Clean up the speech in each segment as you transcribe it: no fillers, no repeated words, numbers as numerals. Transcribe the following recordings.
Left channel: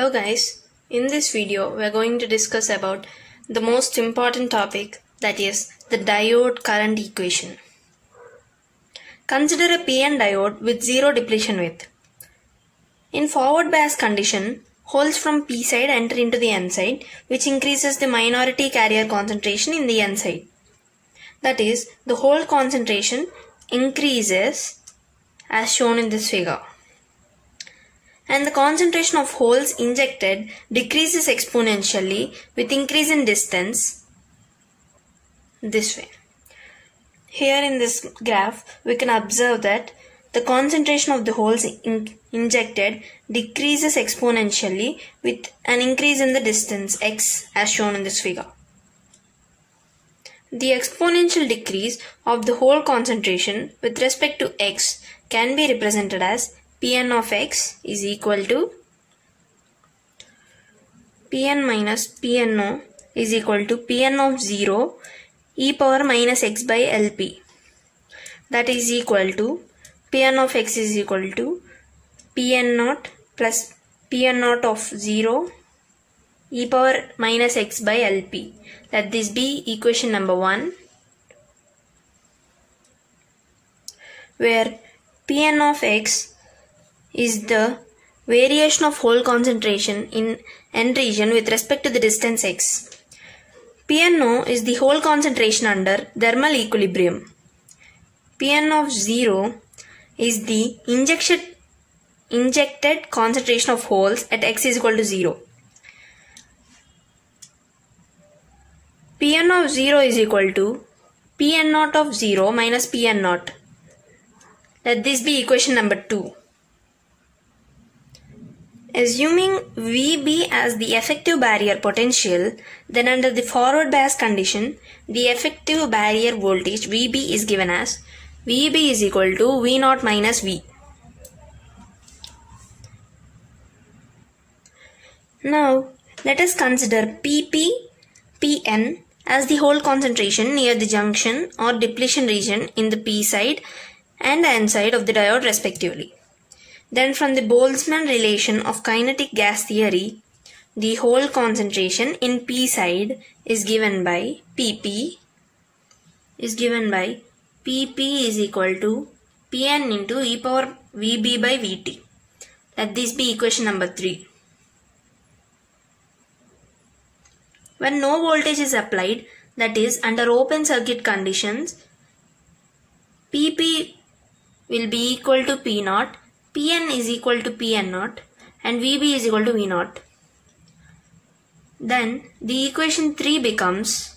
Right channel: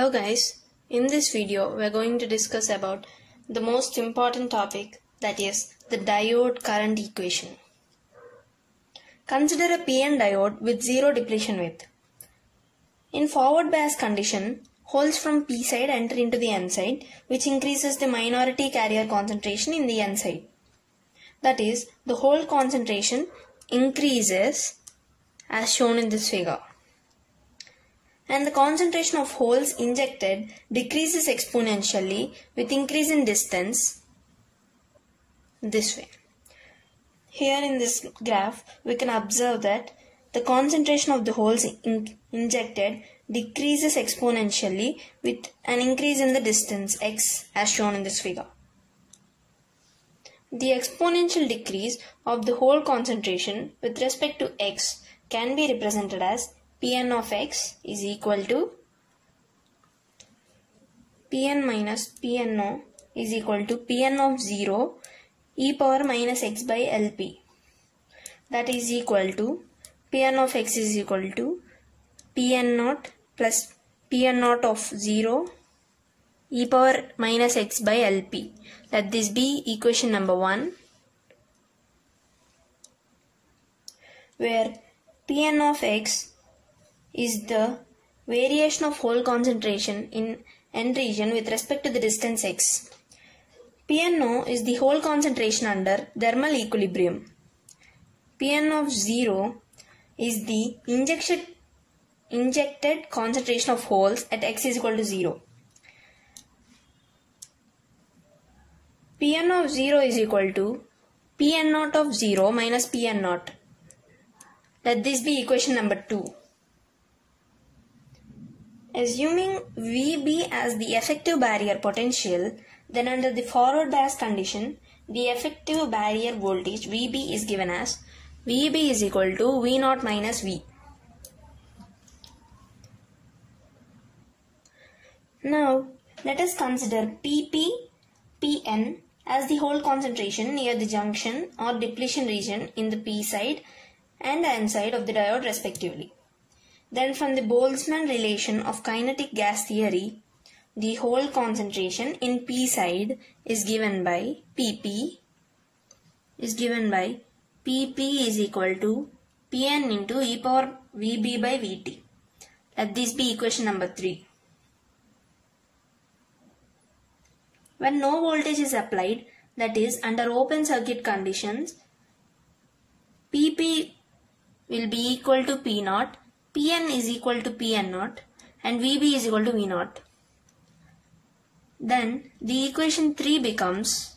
Hello guys, in this video we are going to discuss about the most important topic, that is the diode current equation. Consider a PN diode with zero depletion width. In forward bias condition, holes from P side enter into the N side, which increases the minority carrier concentration in the N side. That is, the hole concentration increases as shown in this figure. And the concentration of holes injected decreases exponentially with increase in distance this way. Here in this graph, we can observe that the concentration of the holes injected decreases exponentially with an increase in the distance x as shown in this figure. The exponential decrease of the hole concentration with respect to x can be represented as Pn of x is equal to Pn minus Pno is equal to Pn of 0 e power minus x by Lp. That is equal to Pn of x is equal to Pn naught plus Pn naught of 0 e power minus x by Lp. Let this be equation number 1, where Pn of x is the variation of hole concentration in N region with respect to the distance x. Pno is the hole concentration under thermal equilibrium. Pn of 0 is the injected concentration of holes at x is equal to 0. Pn of 0 is equal to Pn naught of 0 minus Pn naught. Let this be equation number 2. Assuming Vb as the effective barrier potential, then under the forward bias condition, the effective barrier voltage Vb is given as Vb is equal to V0 minus V. Now, let us consider Pp, Pn as the hole concentration near the junction or depletion region in the P side and N side of the diode respectively. Then from the Boltzmann relation of kinetic gas theory, the hole concentration in P side is given by Pp is equal to Pn into e power Vb by Vt. Let this be equation number 3. When no voltage is applied, that is under open circuit conditions, Pp will be equal to P0, Pn is equal to Pn0 and Vb is equal to V0. Then the equation 3 becomes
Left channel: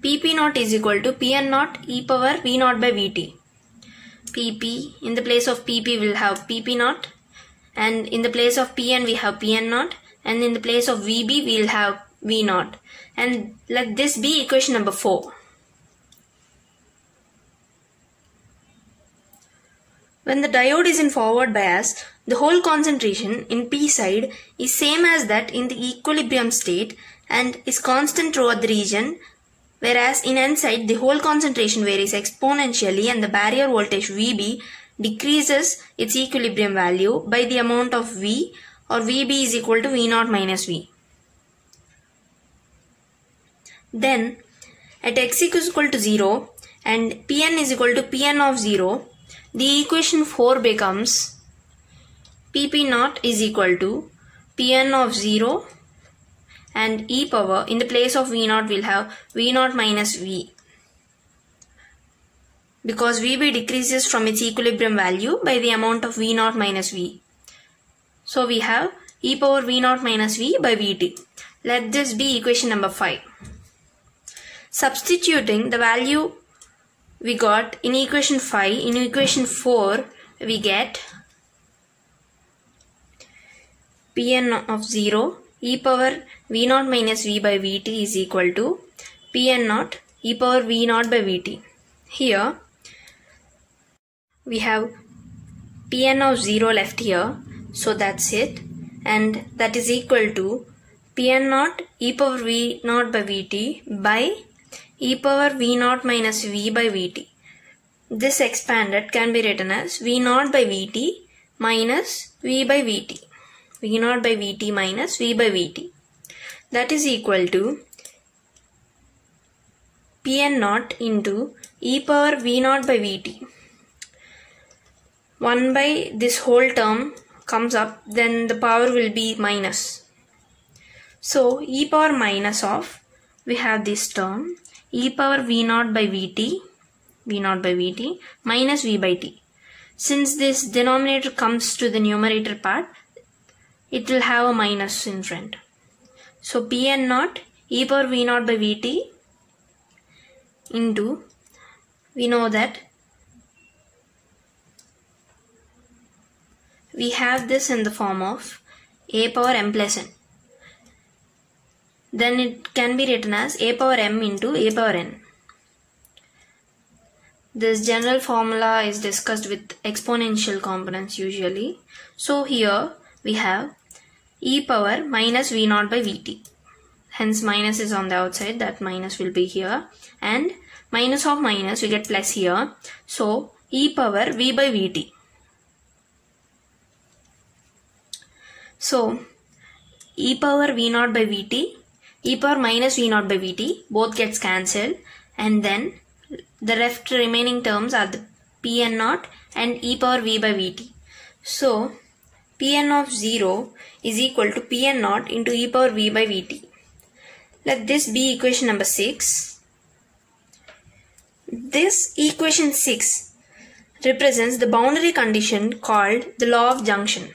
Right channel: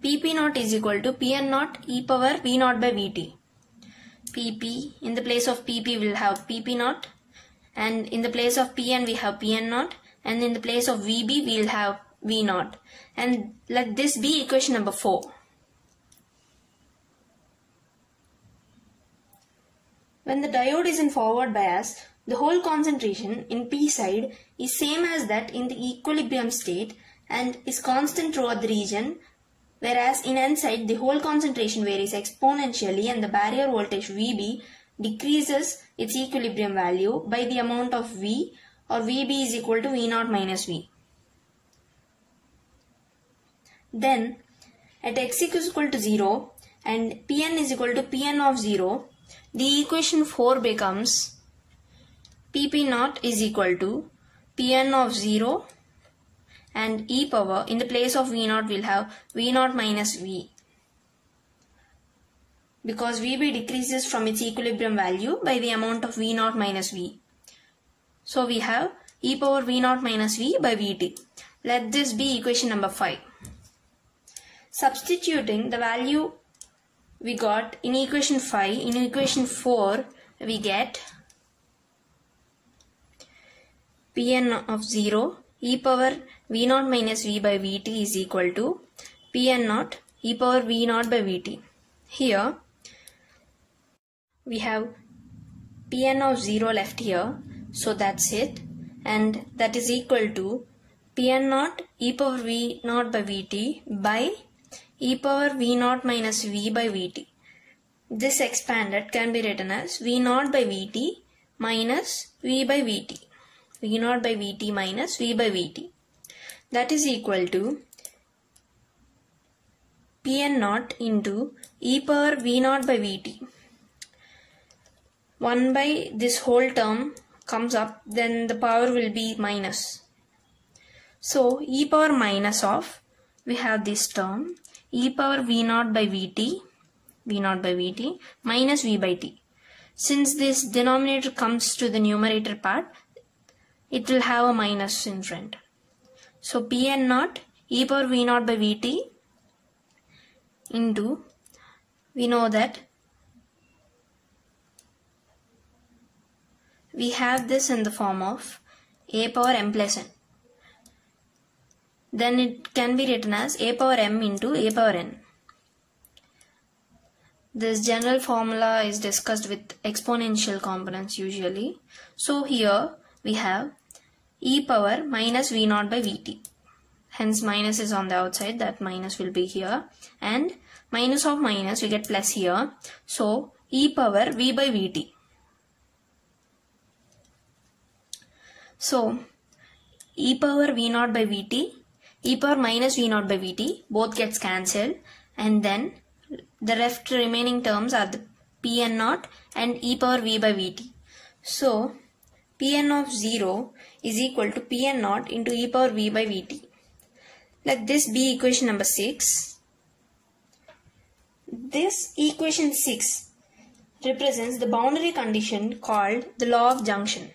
Pp0 is equal to Pn0 e power V0 by Vt. Pp, in the place of Pp will have Pp0, and in the place of Pn we have Pn0, and in the place of Vb we will have V0. And let this be equation number 4. When the diode is in forward bias, the hole concentration in P side is same as that in the equilibrium state and is constant throughout the region, whereas in N side the hole concentration varies exponentially and the barrier voltage Vb decreases its equilibrium value by the amount of V, or Vb is equal to V0 minus V. Then at x is equal to 0 and Pn is equal to Pn of 0, the equation 4 becomes Pp0 is equal to Pn of 0 and e power, in the place of V0 we'll have V0 minus V, because Vb decreases from its equilibrium value by the amount of V0 minus V. So we have e power V0 minus V by Vt. Let this be equation number 5. Substituting the value we got in equation 5, in equation 4 we get Pn of 0 e power V0 minus V by Vt is equal to Pn0 e power V0 by Vt. Here we have Pn of 0 left here, so that's it, and that is equal to Pn0 e power V0 by Vt by e power V0 minus V by Vt. This expanded can be written as V0 by Vt minus V by Vt. V0 by Vt minus V by Vt. That is equal to Pn0 into e power V0 by Vt. 1 by this whole term comes up, then the power will be minus. So e power minus of, we have this term, e power V0 by Vt, minus V by T. Since this denominator comes to the numerator part, it will have a minus in front. So Pn0 e power V0 by Vt into, we know that we have this in the form of a power m plus n. Then it can be written as a power m into a power n. This general formula is discussed with exponential components usually. So here we have e power minus V0 by Vt. Hence minus is on the outside, that minus will be here. And minus of minus, we get plus here. So e power V by Vt. So e power V0 by Vt, e power minus V0 by Vt, both gets cancelled, and then the left remaining terms are the Pn0 and e power V by Vt. So Pn of 0 is equal to Pn0 into e power V by Vt. Let this be equation number 6. This equation 6 represents the boundary condition called the law of junction.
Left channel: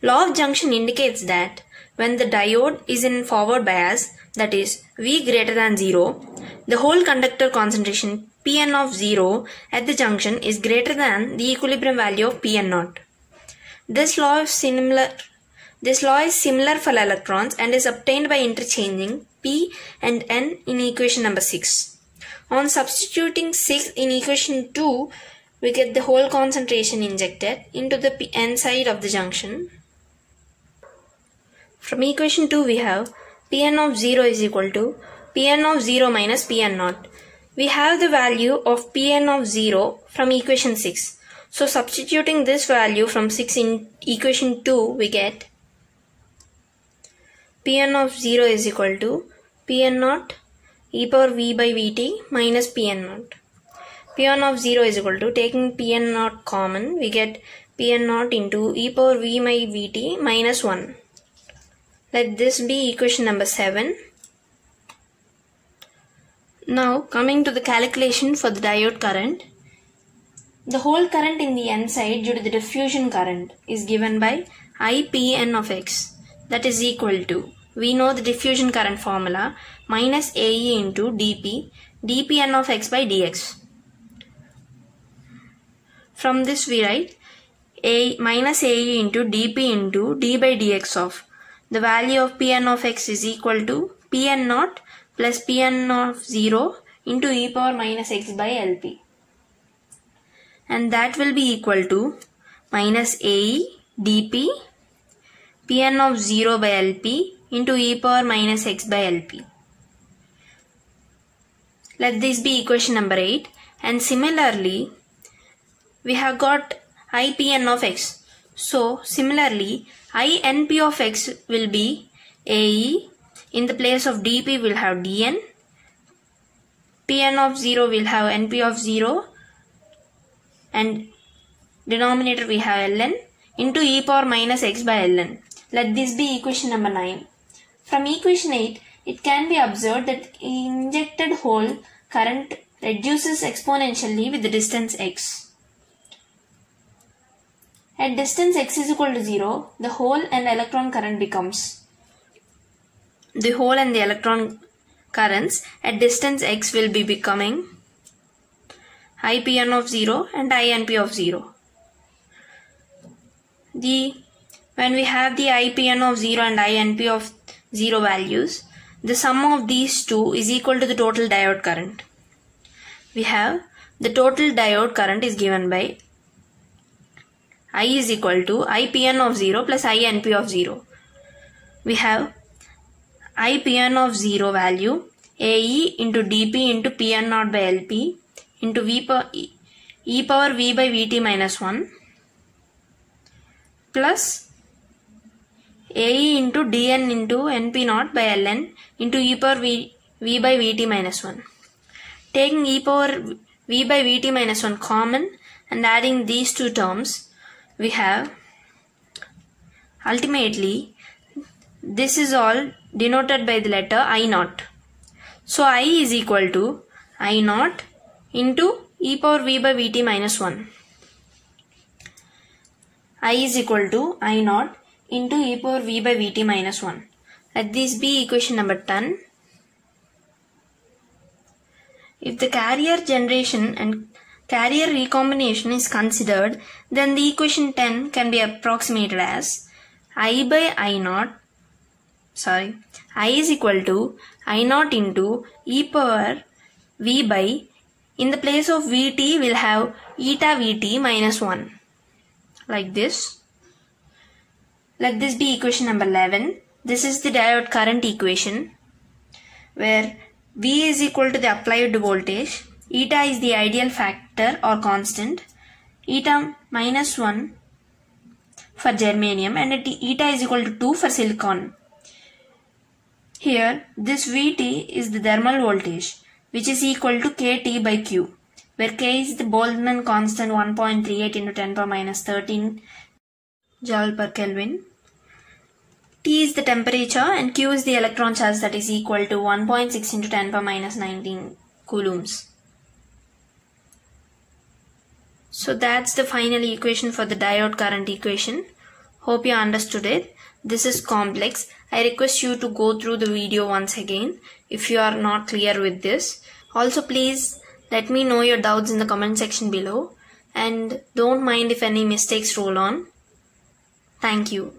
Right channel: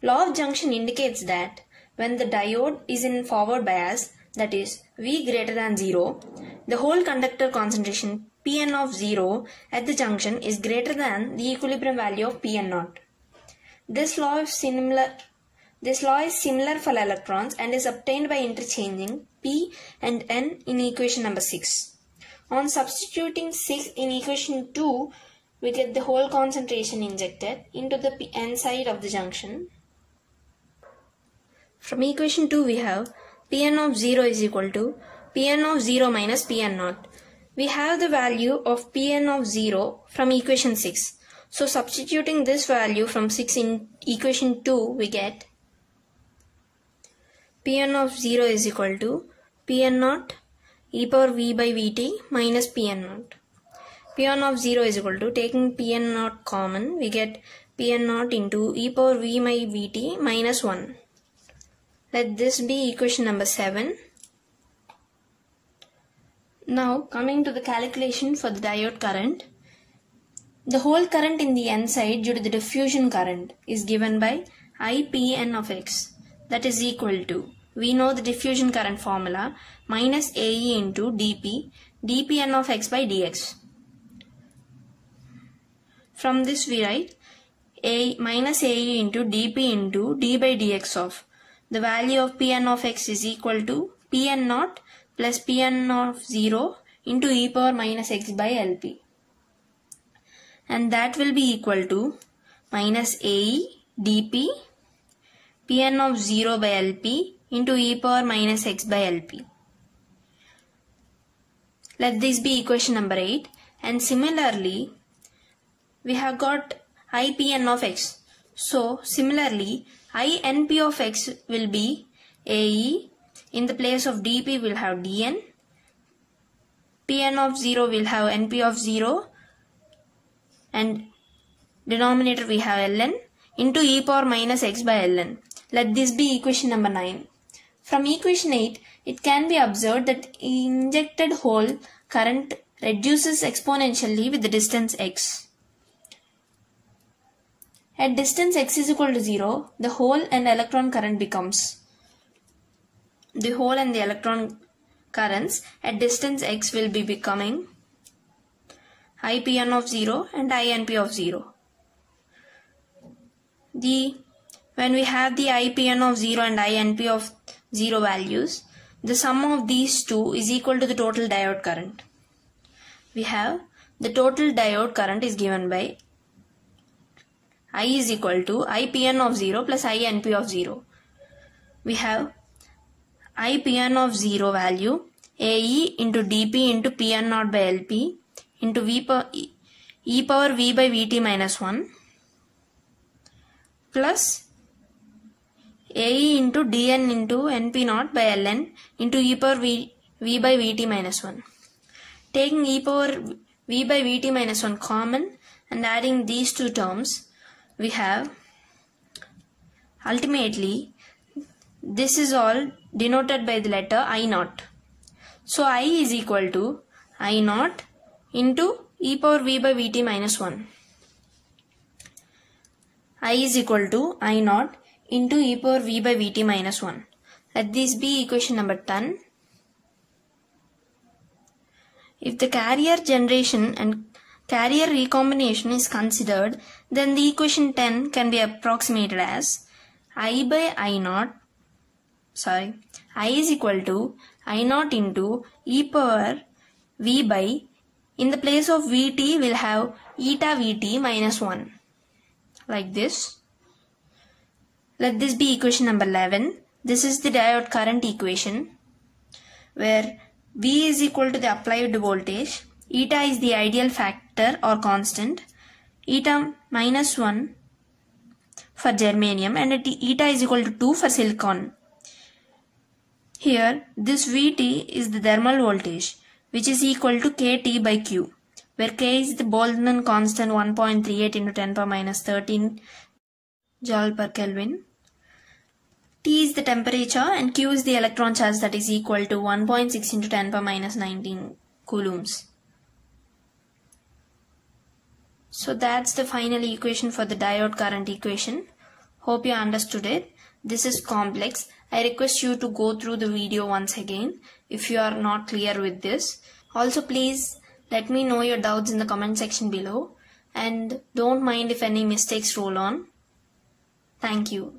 Law of junction indicates that when the diode is in forward bias, that is V greater than 0, the whole conductor concentration Pn of 0 at the junction is greater than the equilibrium value of Pn0. This law is similar for electrons and is obtained by interchanging P and N in equation number 6. On substituting 6 in equation 2, we get the whole concentration injected into the N side of the junction. From equation 2 we have Pn of 0 is equal to Pn of 0 minus Pn0. We have the value of Pn of 0 from equation 6. So substituting this value from 6 in equation 2, we get Pn of 0 is equal to Pn0 e power V by Vt minus Pn0. Pn of 0 is equal to, taking Pn0 common, we get Pn0 into e power V by Vt minus 1. Let this be equation number 7. Now coming to the calculation for the diode current. The whole current in the N side due to the diffusion current is given by IPN of x, that is equal to, we know the diffusion current formula, minus AE into dP, dPn of x by dx. From this we write minus AE into dP into d by dx of the value of Pn of x is equal to Pn0 plus Pn of 0 into e power minus x by Lp. And that will be equal to minus AE dP Pn of 0 by Lp into e power minus x by Lp. Let this be equation number 8. And similarly, we have got IPN of x. So similarly, INP of x will be AE. In the place of dP we'll have dN. Pn of 0 will have NP of 0. And denominator we have ln into e power minus x by ln. Let this be equation number 9. From equation 8, it can be observed that injected hole current reduces exponentially with the distance x. At distance x is equal to 0, the hole and electron current becomes. The hole and the electron currents at distance x will be becoming IPN of 0 and INP of 0. When we have the IPN of 0 and INP of 0 values, the sum of these two is equal to the total diode current. We have the total diode current is given by I is equal to IPN of 0 plus INP of 0. We have IPN of 0 value AE into dP into Pn0 by Lp into e power V by Vt minus 1 plus AE into dn into np naught by ln into e power v by vt minus 1. Taking e power v by vt minus 1 common and adding these two terms, we have ultimately this is all denoted by the letter I naught. So I is equal to I naught into e power v by vt minus 1. I is equal to I naught into e power v by vt minus 1. Let this be equation number 10. If the carrier generation and carrier recombination is considered, then the equation 10 can be approximated as I is equal to I naught into e power v by, in the place of vt we'll have eta vt minus 1, like this. Let this be equation number 11. This is the diode current equation, where V is equal to the applied voltage, eta is the ideal factor or constant, eta minus 1 for germanium, and eta is equal to 2 for silicon. Here this Vt is the thermal voltage, which is equal to kT by Q, where K is the Boltzmann constant 1.38 into 10 power minus 13 joule per Kelvin. T is the temperature and Q is the electron charge, that is equal to 1.6 into 10 power minus 19 coulombs. So that's the final equation for the diode current equation. Hope you understood it. This is complex. I request you to go through the video once again if you are not clear with this. Also, please let me know your doubts in the comment section below, and don't mind if any mistakes roll on. Thank you.